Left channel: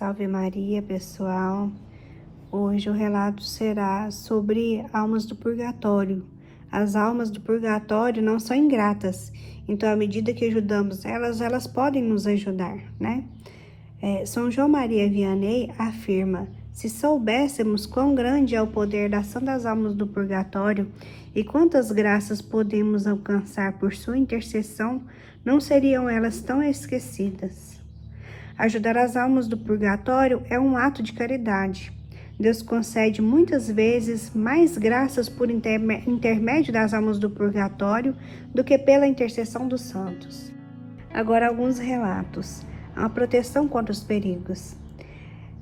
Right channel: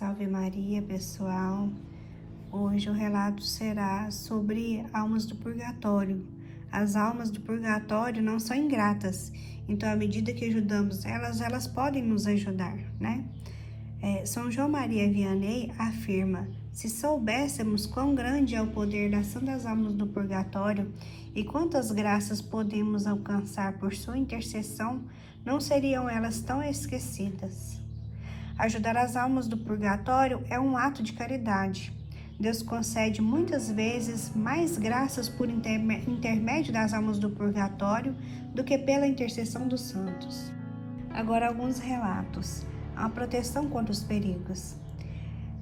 Salve Maria, pessoal! Hoje o relato será sobre almas do purgatório. As almas do purgatório não são ingratas, então à medida que ajudamos elas podem nos ajudar, né? São João Maria Vianney afirma: se soubéssemos quão grande é o poder da ação das almas do purgatório e quantas graças podemos alcançar por sua intercessão, não seriam elas tão esquecidas. Ajudar as almas do purgatório é um ato de caridade. Deus concede muitas vezes mais graças por intermédio das almas do purgatório do que pela intercessão dos santos. Agora alguns relatos. A proteção contra os perigos.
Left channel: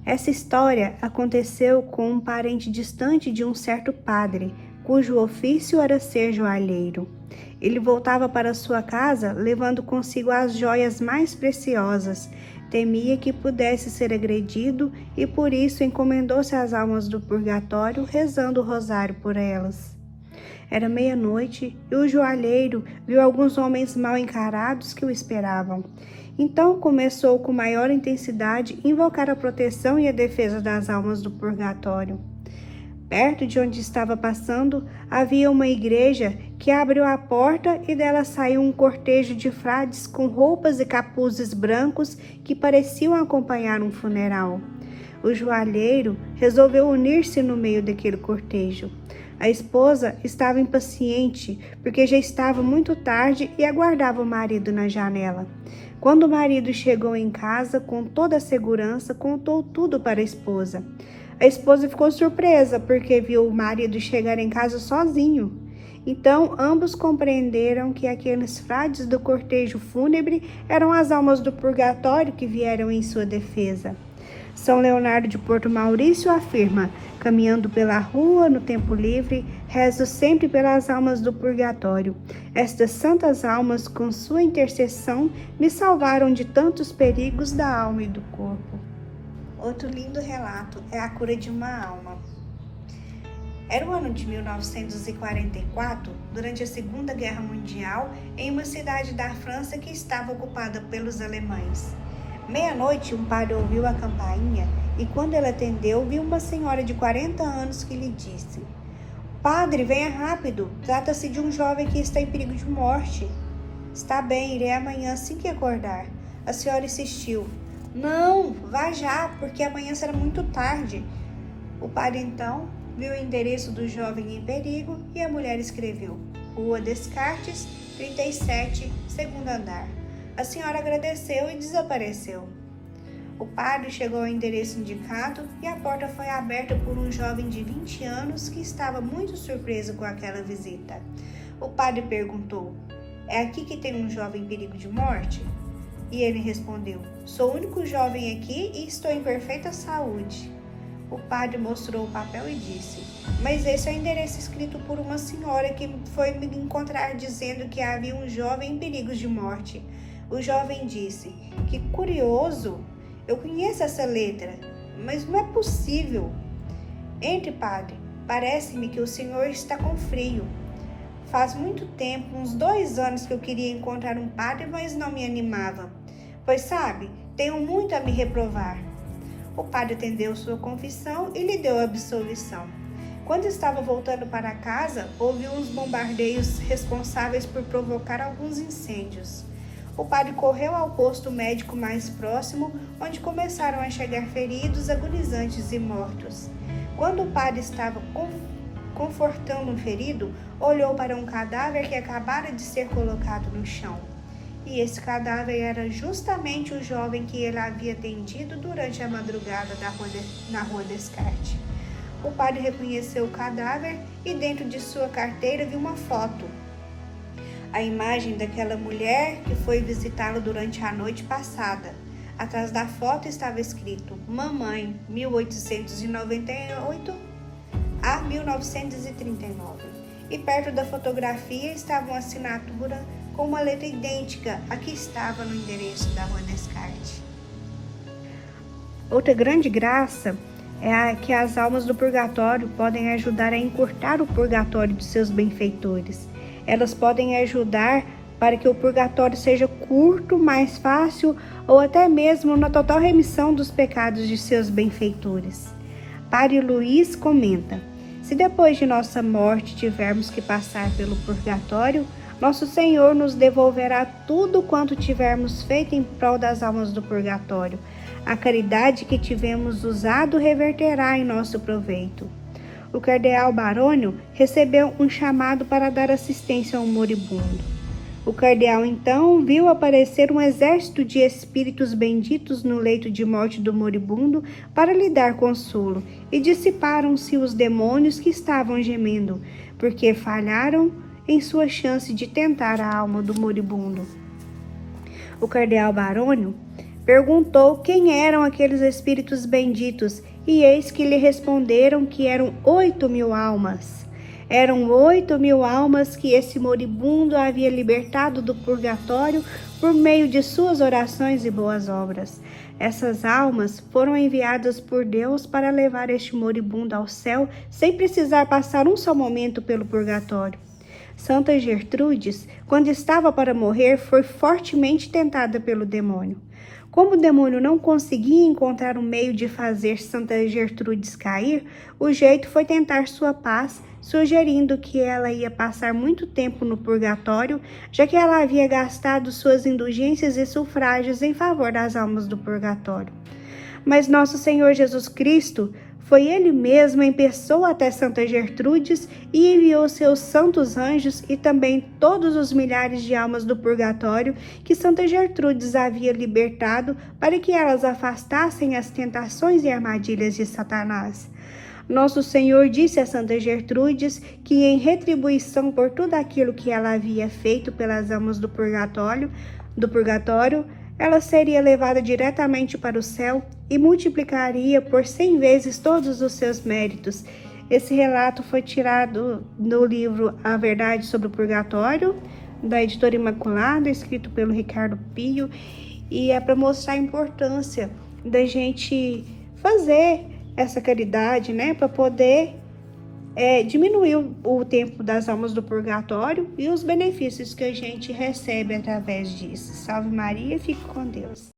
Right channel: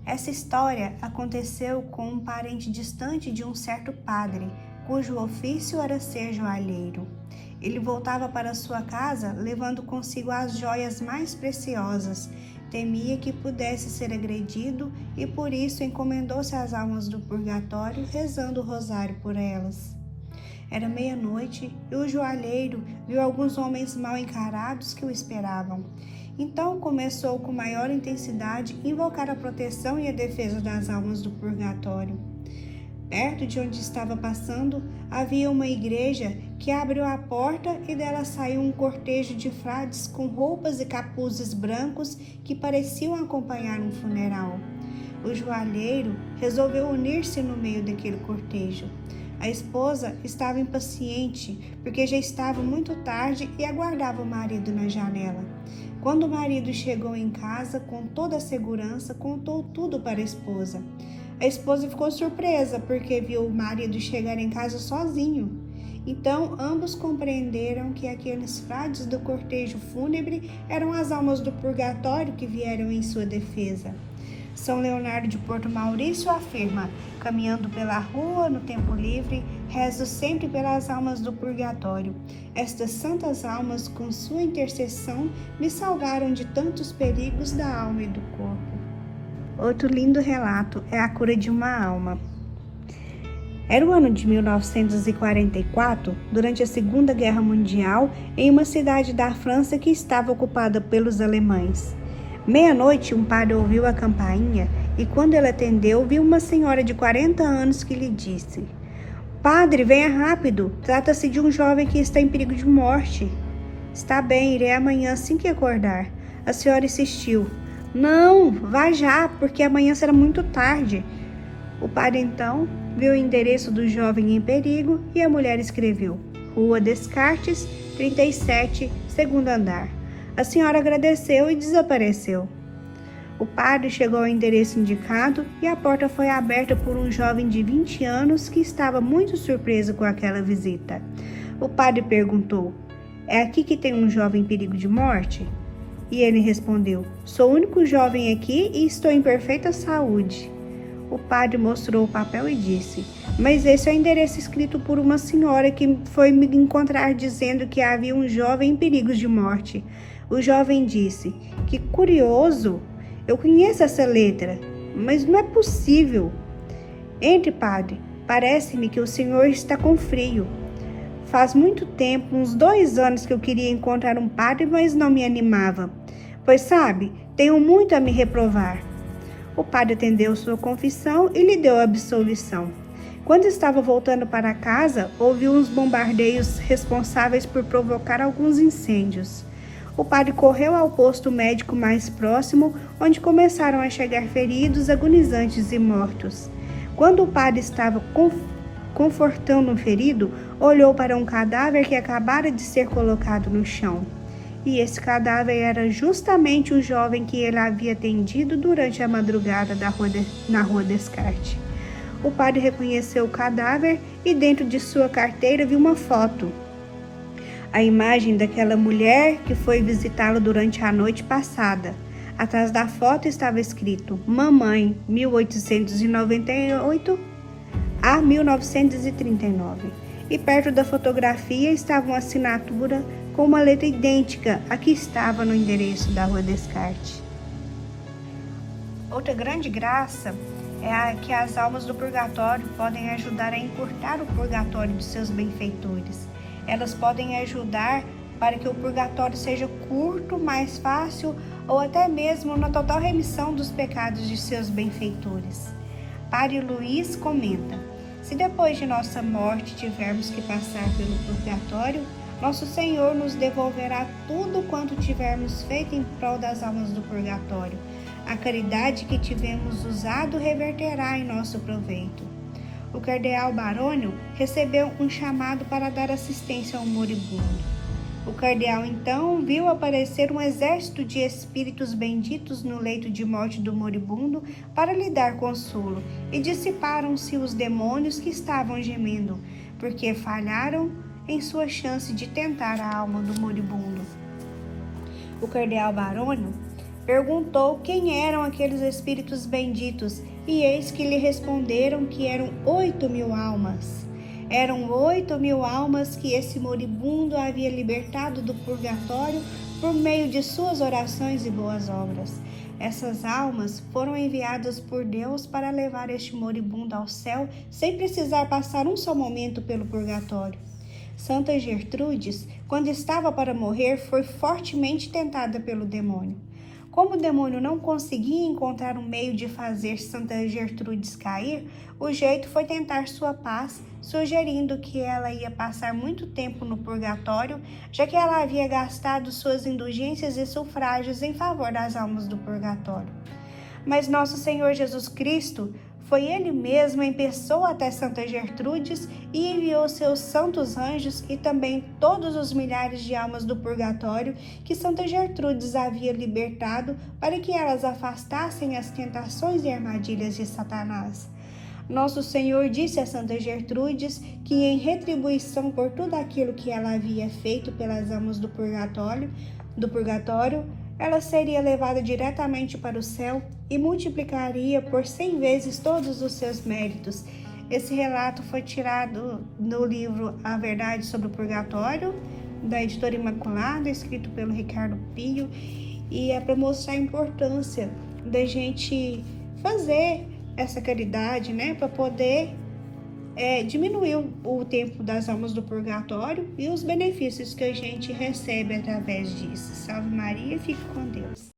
Essa história aconteceu com um parente distante de um certo padre, cujo ofício era ser joalheiro. Ele voltava para sua casa levando consigo as joias mais preciosas. Temia que pudesse ser agredido e por isso encomendou-se às almas do purgatório, rezando o rosário por elas. Era meia-noite e o joalheiro viu alguns homens mal encarados que o esperavam. Então começou com maior intensidade invocar a proteção e a defesa das almas do purgatório. Perto de onde estava passando, havia uma igreja que abriu a porta e dela saiu um cortejo de frades com roupas e capuzes brancos que pareciam acompanhar um funeral. O joalheiro resolveu unir-se no meio daquele cortejo. A esposa estava impaciente porque já estava muito tarde e aguardava o marido na janela. Quando o marido chegou em casa, com toda a segurança, contou tudo para a esposa. A esposa ficou surpresa porque viu o marido chegar em casa sozinho. Então, ambos compreenderam que aqueles frades do cortejo fúnebre eram as almas do purgatório que vieram em sua defesa. São Leonardo de Porto Maurício afirma: caminhando pela rua, no tempo livre, rezo sempre pelas almas do purgatório. Estas santas almas, com sua intercessão, me salvaram de tantos perigos da alma e do corpo. Outro lindo relato é a cura de uma alma. Era o ano de 1944, durante a Segunda Guerra Mundial, em uma cidade da França que estava ocupada pelos alemães. Meia-noite, um padre ouviu a campainha e, quando ele atendeu, viu uma senhora de 40 anos que lhe disse: "Padre, venha rápido, trata-se de um jovem que está em perigo de morte." "Está bem, irei amanhã assim que acordar." A senhora insistiu: "Não, vá já, porque amanhã será muito tarde." O padre então viu o endereço do jovem em perigo e a mulher escreveu: Rua Descartes, 37, segundo andar. A senhora agradeceu e desapareceu. O padre chegou ao endereço indicado e a porta foi aberta por um jovem de 20 anos que estava muito surpreso com aquela visita. O padre perguntou: "É aqui que tem um jovem em perigo de morte?" E ele respondeu: "Sou o único jovem aqui e estou em perfeita saúde." O padre mostrou o papel e disse: "Mas esse é o endereço escrito por uma senhora que foi me encontrar dizendo que havia um jovem em perigo de morte." O jovem disse: "Que curioso, eu conheço essa letra, mas não é possível." "Entre, padre, parece-me que o senhor está com frio. Faz muito tempo, uns 2 anos que eu queria encontrar um padre, mas não me animava. Pois sabe, tenho muito a me reprovar." O padre atendeu sua confissão e lhe deu a absolvição. Quando estava voltando para casa, ouviu uns bombardeios responsáveis por provocar alguns incêndios. O padre correu ao posto médico mais próximo, onde começaram a chegar feridos, agonizantes e mortos. Quando o padre estava confortando o ferido, olhou para um cadáver que acabara de ser colocado no chão. E esse cadáver era justamente o jovem que ele havia atendido durante a madrugada na Rua Descartes. O padre reconheceu o cadáver e dentro de sua carteira viu uma foto. A imagem daquela mulher que foi visitá-lo durante a noite passada. Atrás da foto estava escrito: Mamãe, 1898 a 1939. E perto da fotografia estava uma assinatura com uma letra idêntica à que estava no endereço da Rua Descartes. Outra grande graça é que as almas do purgatório podem ajudar a encurtar o purgatório dos seus benfeitores. Elas podem ajudar para que o purgatório seja curto, mais fácil ou até mesmo na total remissão dos pecados de seus benfeitores. Padre Luiz comenta: se depois de nossa morte tivermos que passar pelo purgatório, nosso Senhor nos devolverá tudo quanto tivermos feito em prol das almas do purgatório. A caridade que tivemos usado reverterá em nosso proveito. O cardeal Barônio recebeu um chamado para dar assistência ao moribundo. O cardeal então viu aparecer um exército de espíritos benditos no leito de morte do moribundo para lhe dar consolo, e dissiparam-se os demônios que estavam gemendo, porque falharam em sua chance de tentar a alma do moribundo. O cardeal Barônio perguntou quem eram aqueles espíritos benditos, e eis que lhe responderam que eram 8.000 almas. Eram 8.000 almas que esse moribundo havia libertado do purgatório por meio de suas orações e boas obras. Essas almas foram enviadas por Deus para levar este moribundo ao céu sem precisar passar um só momento pelo purgatório. Santa Gertrudes, quando estava para morrer, foi fortemente tentada pelo demônio. Como o demônio não conseguia encontrar um meio de fazer Santa Gertrudes cair, o jeito foi tentar sua paz, sugerindo que ela ia passar muito tempo no purgatório, já que ela havia gastado suas indulgências e sufrágios em favor das almas do purgatório. Mas nosso Senhor Jesus Cristo foi Ele mesmo em pessoa até Santa Gertrudes e enviou seus santos anjos e também todos os milhares de almas do purgatório que Santa Gertrudes havia libertado para que elas afastassem as tentações e armadilhas de Satanás. Nosso Senhor disse a Santa Gertrudes que, em retribuição por tudo aquilo que ela havia feito pelas almas do purgatório, ela seria levada diretamente para o céu e multiplicaria por 100 vezes todos os seus méritos. Esse relato foi tirado do livro A Verdade sobre o Purgatório, da editora Imaculada, escrito pelo Ricardo Pio, e é para mostrar a importância da gente fazer essa caridade, né, para poder diminuir o tempo das almas do purgatório e os benefícios que a gente recebe através disso. Salve Maria, fique com Deus.